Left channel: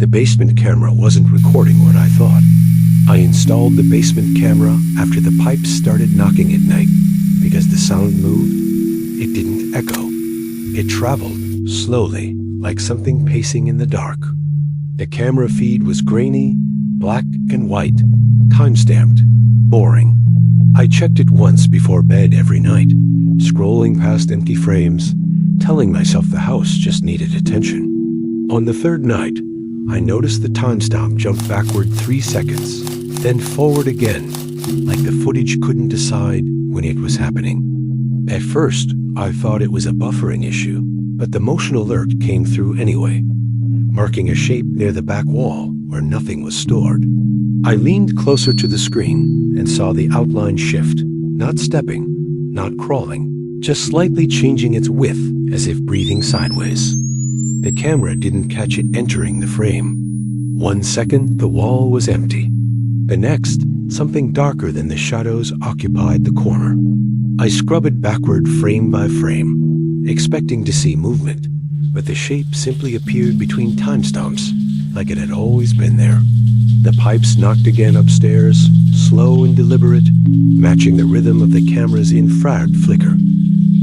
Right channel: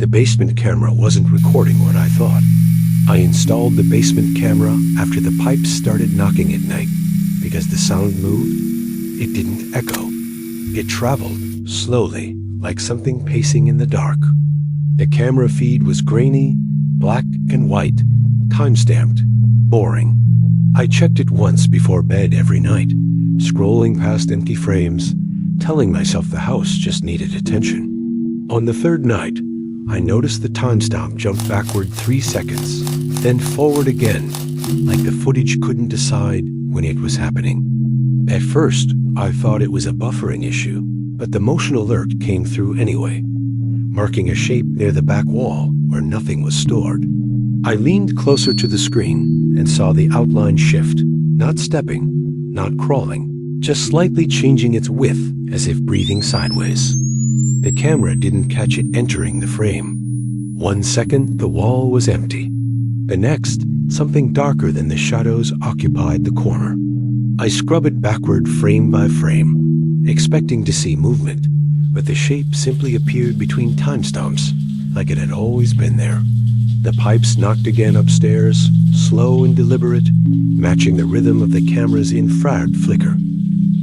The basement camera wasn't recording what I thought. I installed the basement camera after the pipes started knocking at night. Because the sound moved, it didn't echo. It traveled slowly, like something pacing in the dark. The camera feed was grainy, black and white, time-stamped, boring. I checked it once before bed every night, scrolling past empty frames, telling myself the house just needed attention. On the third night, I noticed the timestamp jumped backward 3 seconds, then forward again, like the footage couldn't decide when it was happening. At first, I thought it was a buffering issue, but the motion alert came through anyway, marking a shape near the back wall where nothing was stored. I leaned closer to the screen and saw the outline shift, not stepping, not crawling, just slightly changing its width as if breathing sideways. The camera didn't catch it entering the frame. 1 second, the wall was empty. The next, something darker than the shadows occupied the corner. I scrubbed backward frame by frame, expecting to see movement, but the shape simply appeared between timestamps, like it had always been there. The pipes knocked again upstairs, slow and deliberate, matching the rhythm of the camera's infrared flicker.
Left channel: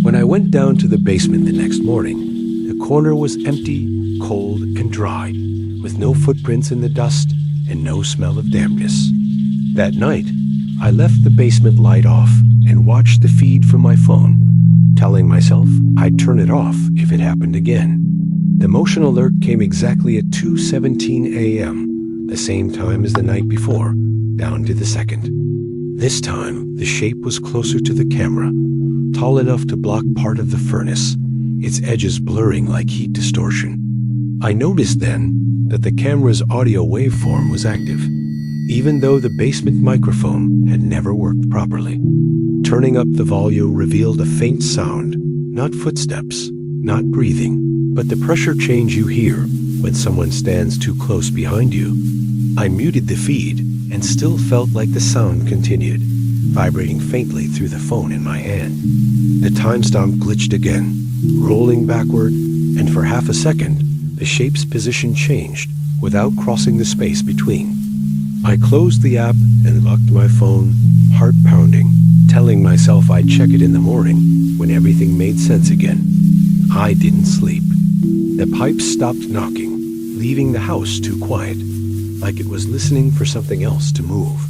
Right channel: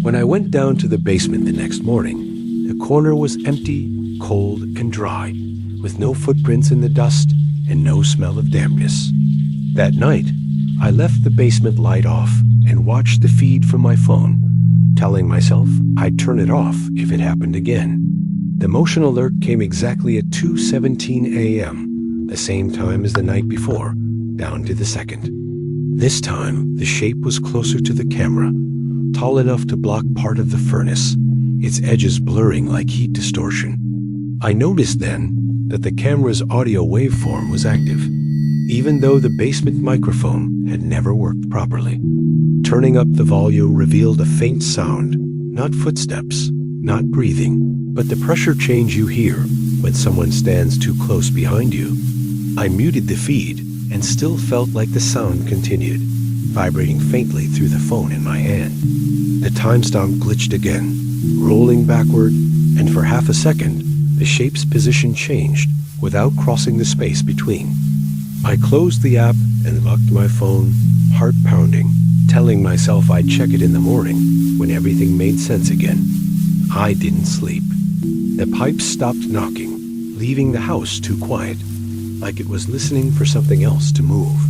When I went down to the basement the next morning, the corner was empty, cold, and dry, with no footprints in the dust and no smell of dampness. That night, I left the basement light off and watched the feed from my phone, telling myself I'd turn it off if it happened again. The motion alert came exactly at 2:17 a.m., the same time as the night before, down to the second. This time, the shape was closer to the camera, tall enough to block part of the furnace, its edges blurring like heat distortion. I noticed then that the camera's audio waveform was active, even though the basement microphone had never worked properly. Turning up the volume revealed a faint sound, not footsteps, not breathing, but the pressure change you hear when someone stands too close behind you. I muted the feed and still felt like the sound continued, vibrating faintly through the phone in my hand. The timestamp glitched again, rolling backward, and for half a second, the shape's position changed without crossing the space between. I closed the app and locked my phone, heart pounding, telling myself I'd check it in the morning when everything made sense again. I didn't sleep. The pipes stopped knocking, leaving the house too quiet, like it was listening for something else to move.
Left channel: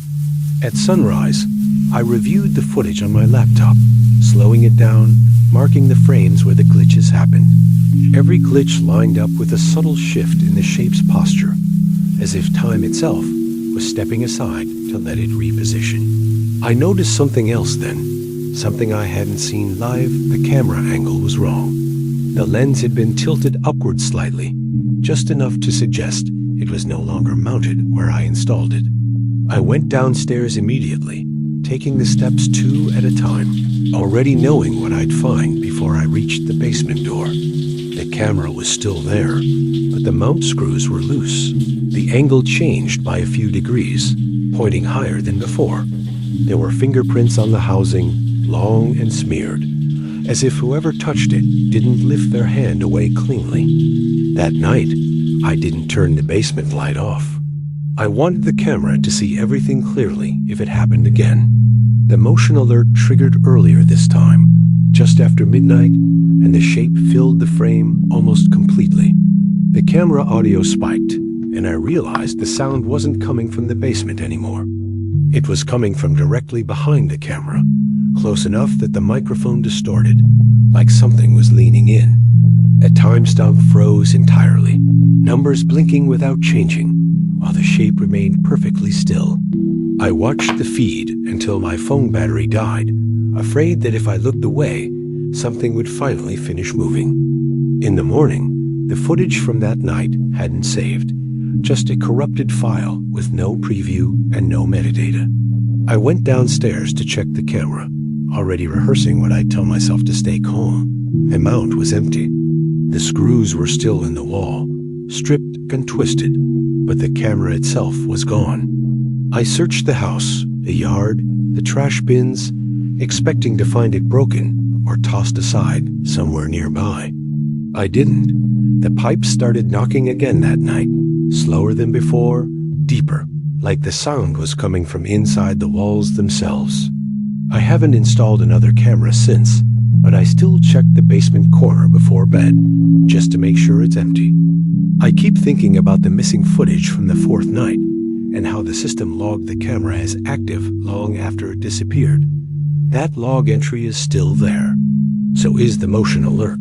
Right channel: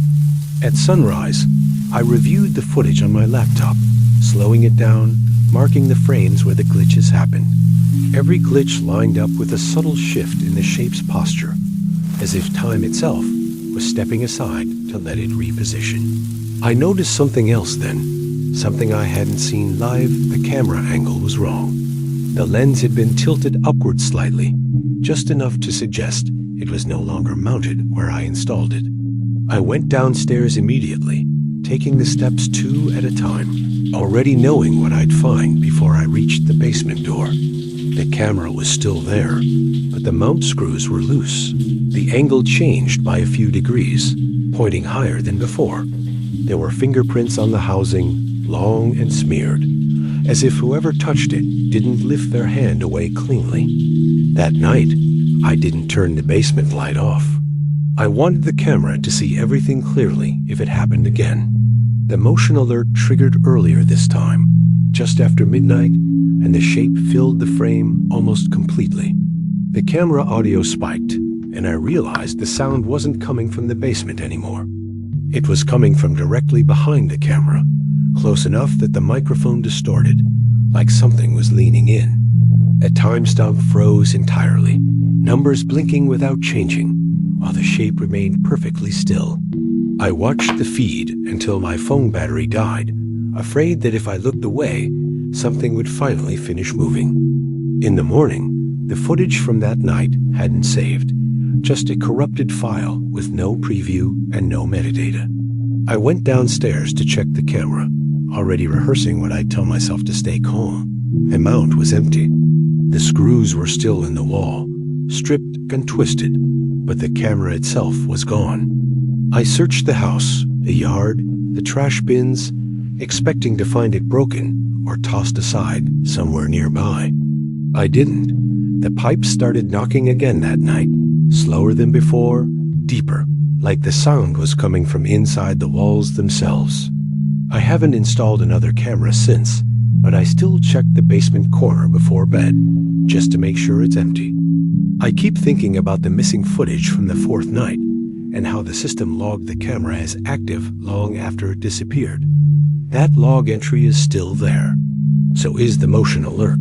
At sunrise, I reviewed the footage on my laptop, slowing it down, marking the frames where the glitches happened. Every glitch lined up with a subtle shift in the shape's posture, as if time itself was stepping aside to let it reposition. I noticed something else then, something I hadn't seen live. The camera angle was wrong. The lens had been tilted upward slightly, just enough to suggest it was no longer mounted where I installed it. I went downstairs immediately, taking the steps 2 at a time, already knowing what I'd find before I reached the basement door. The camera was still there, but the mount screws were loose. The angle changed by a few degrees, pointing higher than before. There were fingerprints on the housing, long and smeared, as if whoever touched it didn't lift their hand away cleanly. That night, I didn't turn the basement light off. I wanted the camera to see everything clearly if it happened again. The motion alert triggered earlier this time, just after midnight, and the shape filled the frame almost completely. The camera audio spiked, and I realized the sound wasn't coming from the basement anymore. It was coming from directly behind the camera, close enough that the microphone distorted, like something was leaning in. A timestamp froze entirely, numbers blinking without changing, while the shape remained perfectly still. I watched the feed until my phone battery died, afraid that if I looked away, something would finally finish moving. In the morning, the footage from that night hadn't saved, just a corrupted file with no preview and no metadata. I went downstairs to check the camera, already rehearsing what I'd tell myself to stay calm. The mount was empty. The screws were still in the wall, stripped and twisted, but the camera itself was gone. I searched the house, the yard, the trash bins, expecting to find it broken or tossed aside somewhere nearby. I didn't. The pipes started knocking again that night, Slower than before, deeper, like the sound was coming from inside the walls themselves. I haven't installed another camera since, but I still check the basement corner before bed, just to make sure it's empty. I keep thinking about the missing footage from the fourth night, and how the system logged the camera as active long after it disappeared. That log entry is still there. So is the motion alert.